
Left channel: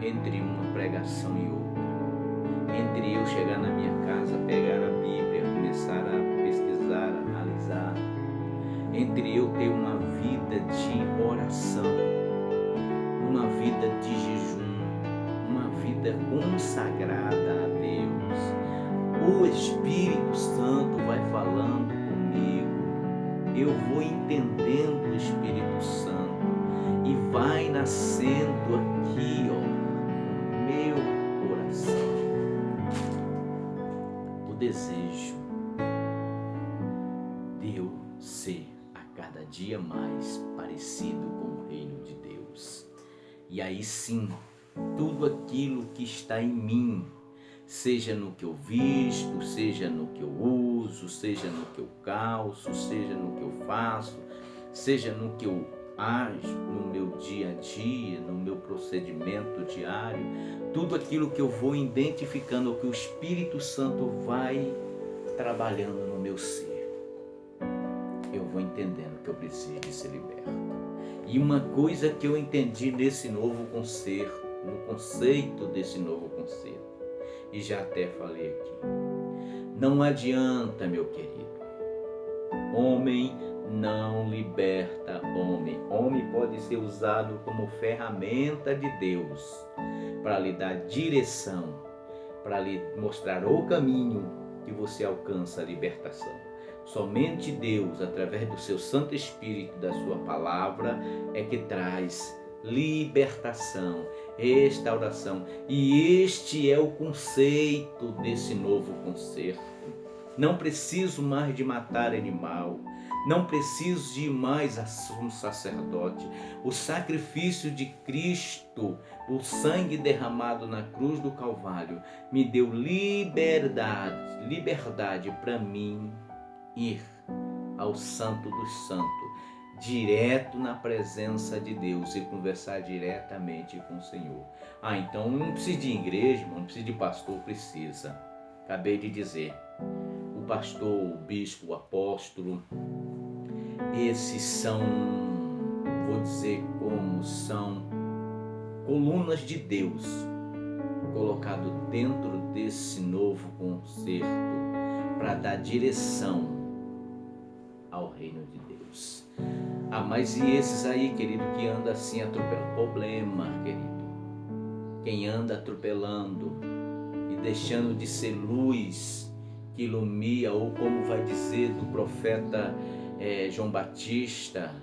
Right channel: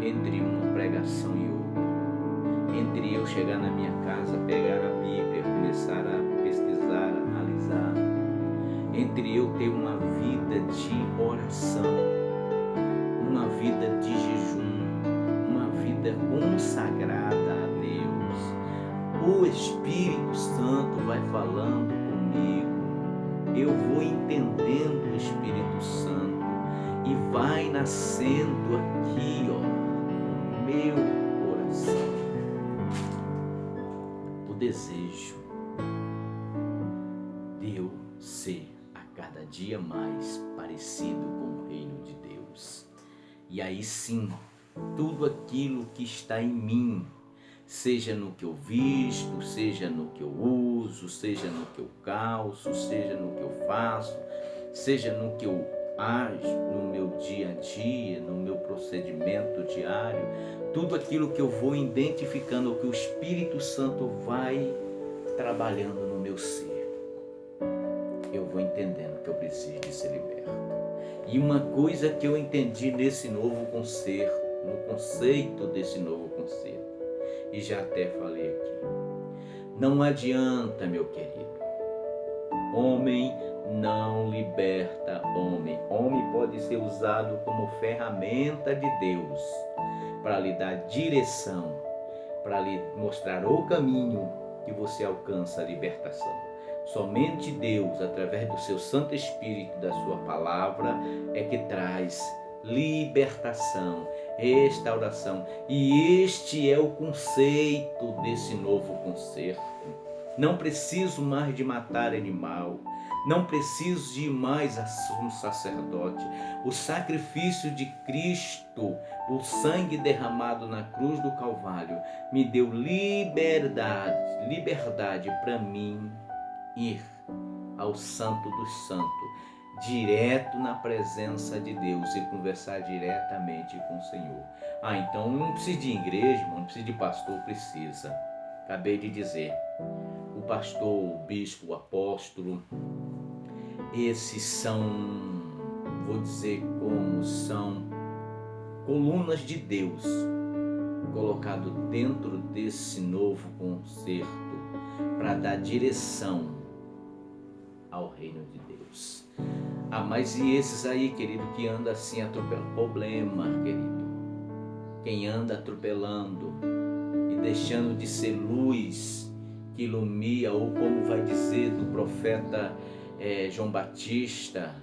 entre uma pregação e outra, entre eu chegar na minha casa, pegar a Bíblia, começar a pesquisar, analisar, entre eu ter uma vida de oração, uma vida de jejum, uma vida consagrada a Deus, o Espírito Santo vai falando comigo, eu vou entendendo o Espírito Santo e vai nascendo aqui, no meu coração, o desejo de eu ser a cada dia mais parecido com o reino de Deus. E aí sim, tudo aquilo que está em mim, seja no que eu visto, seja no que eu uso, seja no que eu calço, seja no que eu faço, seja no que eu ajo no meu dia a dia, no meu procedimento diário, tudo aquilo que eu vou identificando, o que o Espírito Santo vai trabalhando no meu ser, eu vou entendendo que eu preciso de ser liberto. E uma coisa que eu entendi nesse novo concerto, no conceito desse novo concerto, e já até falei aqui, não adianta, meu querido, homem não liberta homem. Homem pode ser usado como ferramenta de Deus para lhe dar direção, para lhe mostrar o caminho que você alcança a libertação. Somente Deus, através do seu Santo Espírito, da sua palavra, é que traz libertação, restauração. E este é o conceito desse novo concerto. Não preciso mais de matar animal, não preciso de ir mais a um sacerdote. O sacrifício de Cristo, o sangue derramado na cruz do Calvário, me deu liberdade para mim ir ao Santo dos Santos, direto na presença de Deus e conversar diretamente com o Senhor. Então não precisa de igreja, irmão, não precisa de pastor, precisa. Acabei de dizer, o pastor, o bispo, o apóstolo, esses são, vou dizer como, são colunas de Deus colocado dentro desse novo concerto para dar direção ao reino de Deus. Mas e esses aí, querido, que anda assim atropelando? Problema, querido. Quem anda atropelando e deixando de ser luz que ilumina, ou como vai dizer do profeta João Batista,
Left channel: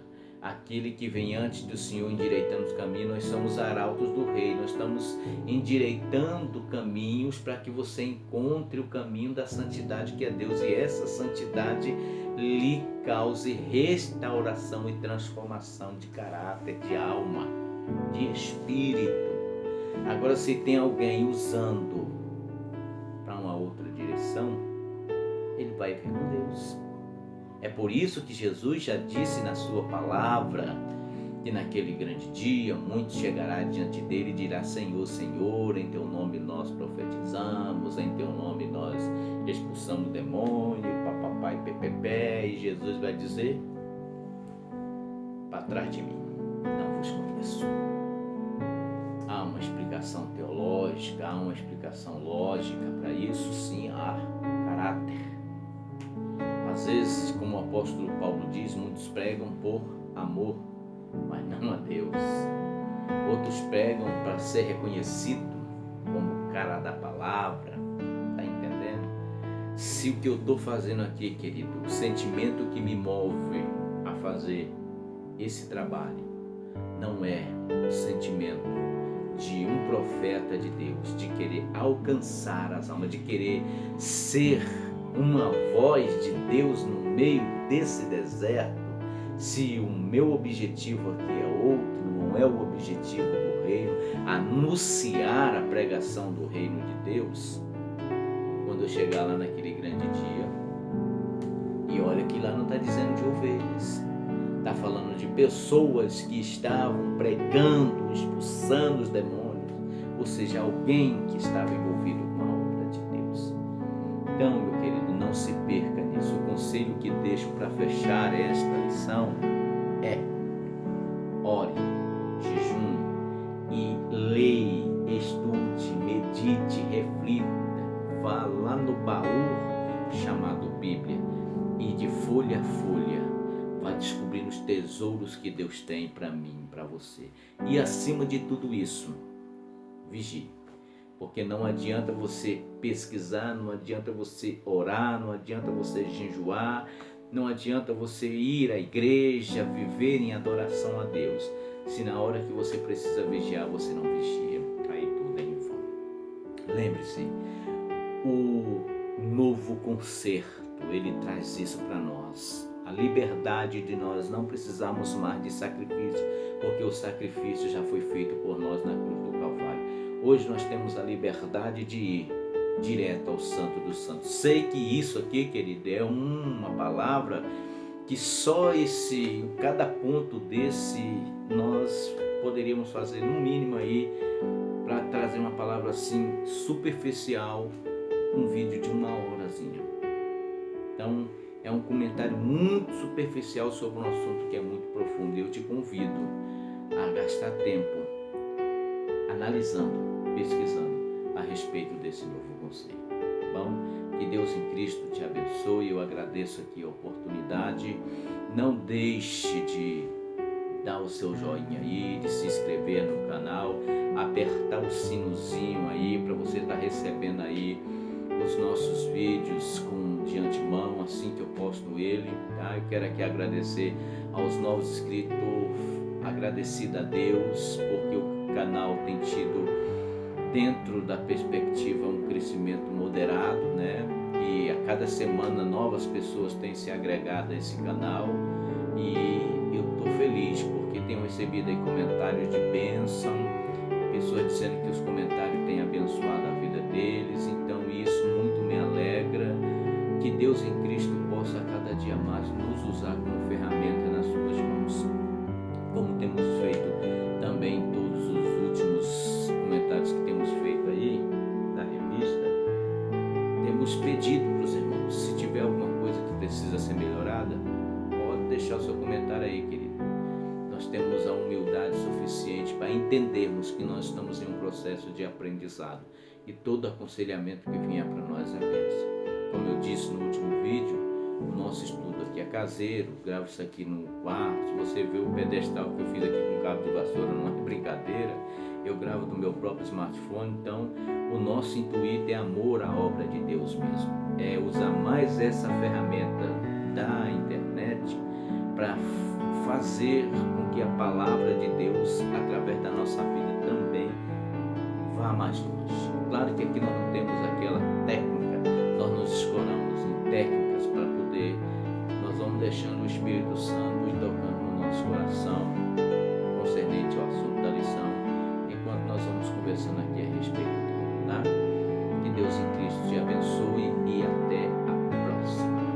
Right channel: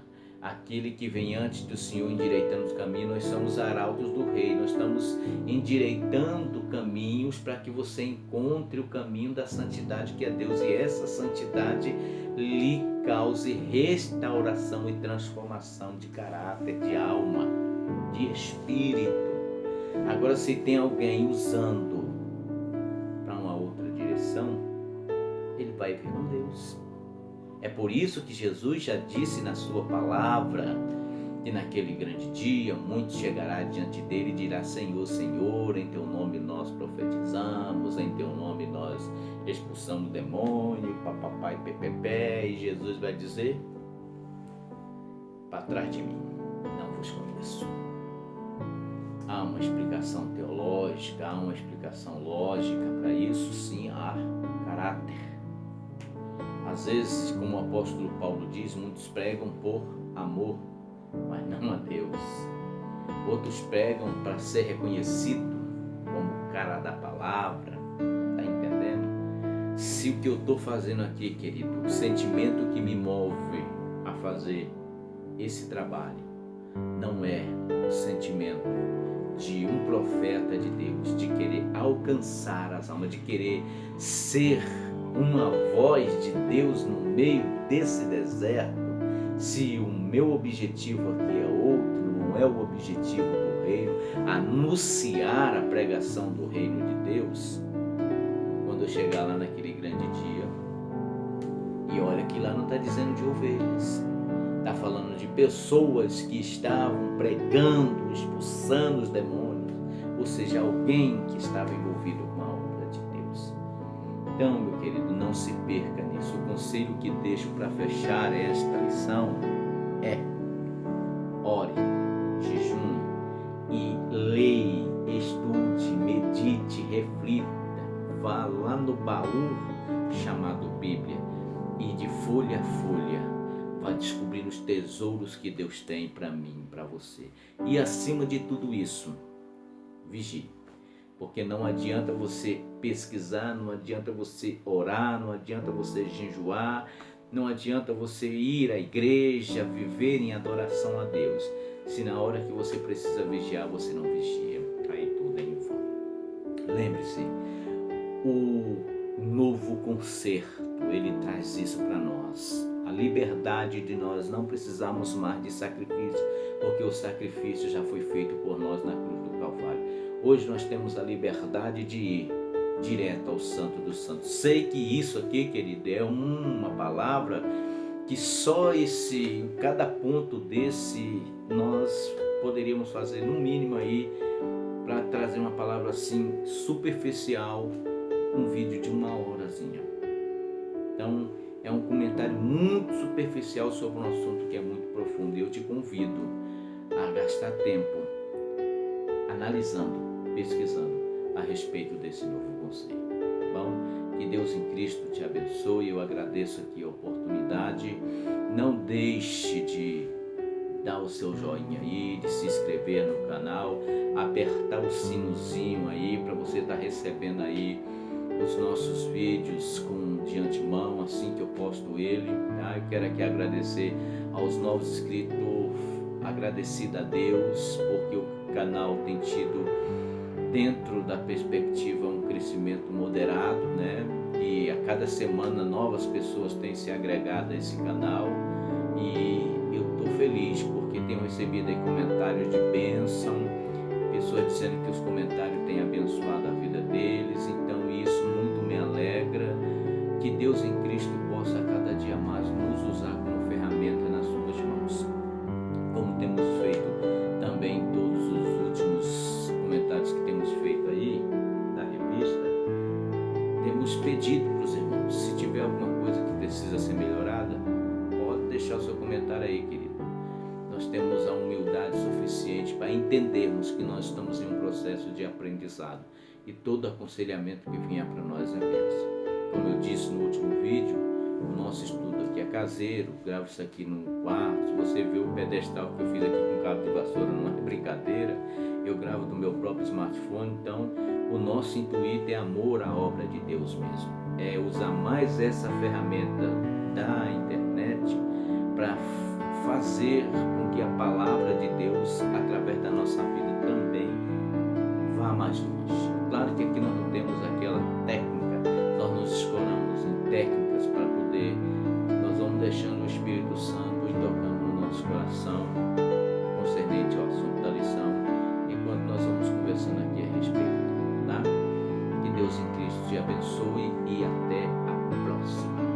aquele que vem antes do Senhor endireitando os caminhos, nós somos arautos do rei, nós estamos endireitando caminhos para que você encontre o caminho da santidade que é Deus, e essa santidade lhe cause restauração e transformação de caráter, de alma, de espírito. Agora, se tem alguém usando para uma outra direção, ele vai ver com Deus. É por isso que Jesus já disse na sua palavra que naquele grande dia muitos chegará diante dele e dirá: Senhor, Senhor, em teu nome nós profetizamos, em teu nome nós expulsamos o demônio, papai, pepepé. E Jesus vai dizer: para trás de mim, não vos conheço. Há uma explicação teológica, há uma explicação lógica para isso, sim, há caráter. Às vezes, como o apóstolo Paulo diz, muitos pregam por amor, mas não a Deus. Outros pregam para ser reconhecido como o cara da palavra. Está entendendo? Se o que eu estou fazendo aqui, querido, o sentimento que me move a fazer esse trabalho não é o sentimento de um profeta de Deus, de querer alcançar as almas, de querer ser uma voz de Deus no meio desse deserto, se o meu objetivo aqui é outro, não é o objetivo do reino, anunciar a pregação do reino de Deus, quando eu chegar lá naquele grande dia E olha que lá não está dizendo de ovelhas. Está falando de pessoas que estavam pregando, expulsando os demônios. Ou seja, alguém que estava envolvido com a obra de Deus. Então, meu querido, não se perca nisso. O conselho que deixo para fechar esta lição é: ore, jejune e leia, estude, medite, reflita. Vá lá no baú chamado Bíblia e de folha a folha vá descobrindo os tesouros que Deus tem para mim, para você. E acima de tudo isso, vigie. Porque não adianta você pesquisar, não adianta você orar, não adianta você jejuar, não adianta você ir à igreja, viver em adoração a Deus, se na hora que você precisa vigiar, você não vigia. Aí tudo é em vão. Lembre-se, o novo concerto, ele traz isso para nós. A liberdade de nós não precisarmos mais de sacrifício, porque o sacrifício já foi feito por nós na cruz do Calvário. Hoje nós temos a liberdade de ir direto ao Santo dos Santos. Sei que isso aqui, querido, é uma palavra que só cada ponto desse nós poderíamos fazer no mínimo aí para trazer uma palavra assim superficial, um vídeo de 1 horazinha. Então é um comentário muito superficial sobre um assunto que é muito profundo, e eu te convido a gastar tempo analisando, pesquisando a respeito desse novo conceito. Bom, que Deus em Cristo te abençoe. Eu agradeço aqui a oportunidade. Não deixe de dar o seu joinha aí, de se inscrever no canal, apertar o sinozinho aí para você estar recebendo aí os nossos vídeos de antemão, assim que eu posto ele, tá? Eu quero aqui agradecer aos novos inscritos, agradecido a Deus, porque o canal tem tido, dentro da perspectiva, um crescimento moderado, né? E a cada semana novas pessoas têm se agregado a esse canal, e eu estou feliz porque tenho recebido aí comentários de bênção, pessoas dizendo que os comentários têm abençoado a vida deles. Então isso muito me alegra. Que Deus em Cristo possa a cada dia mais nos usar como ferramenta nas suas mãos, como temos feito também em todos os últimos comentários que temos feito aí da revista. Temos pedido para os irmãos, se tiver alguma coisa que precisa ser melhorada, pode deixar o seu comentário aí, querido. Nós temos a humildade suficiente para entendermos que nós estamos em um processo de aprendizado, e todo aconselhamento que vier para nós é bênção. Como eu disse no último vídeo, o nosso estudo aqui é caseiro, gravo isso aqui no quarto. Se você vê o pedestal que eu fiz aqui com cabo de vassoura, não é brincadeira, eu gravo do meu próprio smartphone. Então o nosso intuito é amor à obra de Deus mesmo, é usar mais essa ferramenta da internet para fazer com que a palavra de Deus, através da nossa vida, também vá mais longe. Claro que aqui nós não temos aquela técnica, nós nos escoramos em técnicas para poder, nós vamos deixando o Espírito Santo ir tocando no nosso coração, concernente ao assunto da lição, enquanto nós vamos conversando aqui a respeito dele, tá? Que Deus em Cristo te abençoe e até a próxima.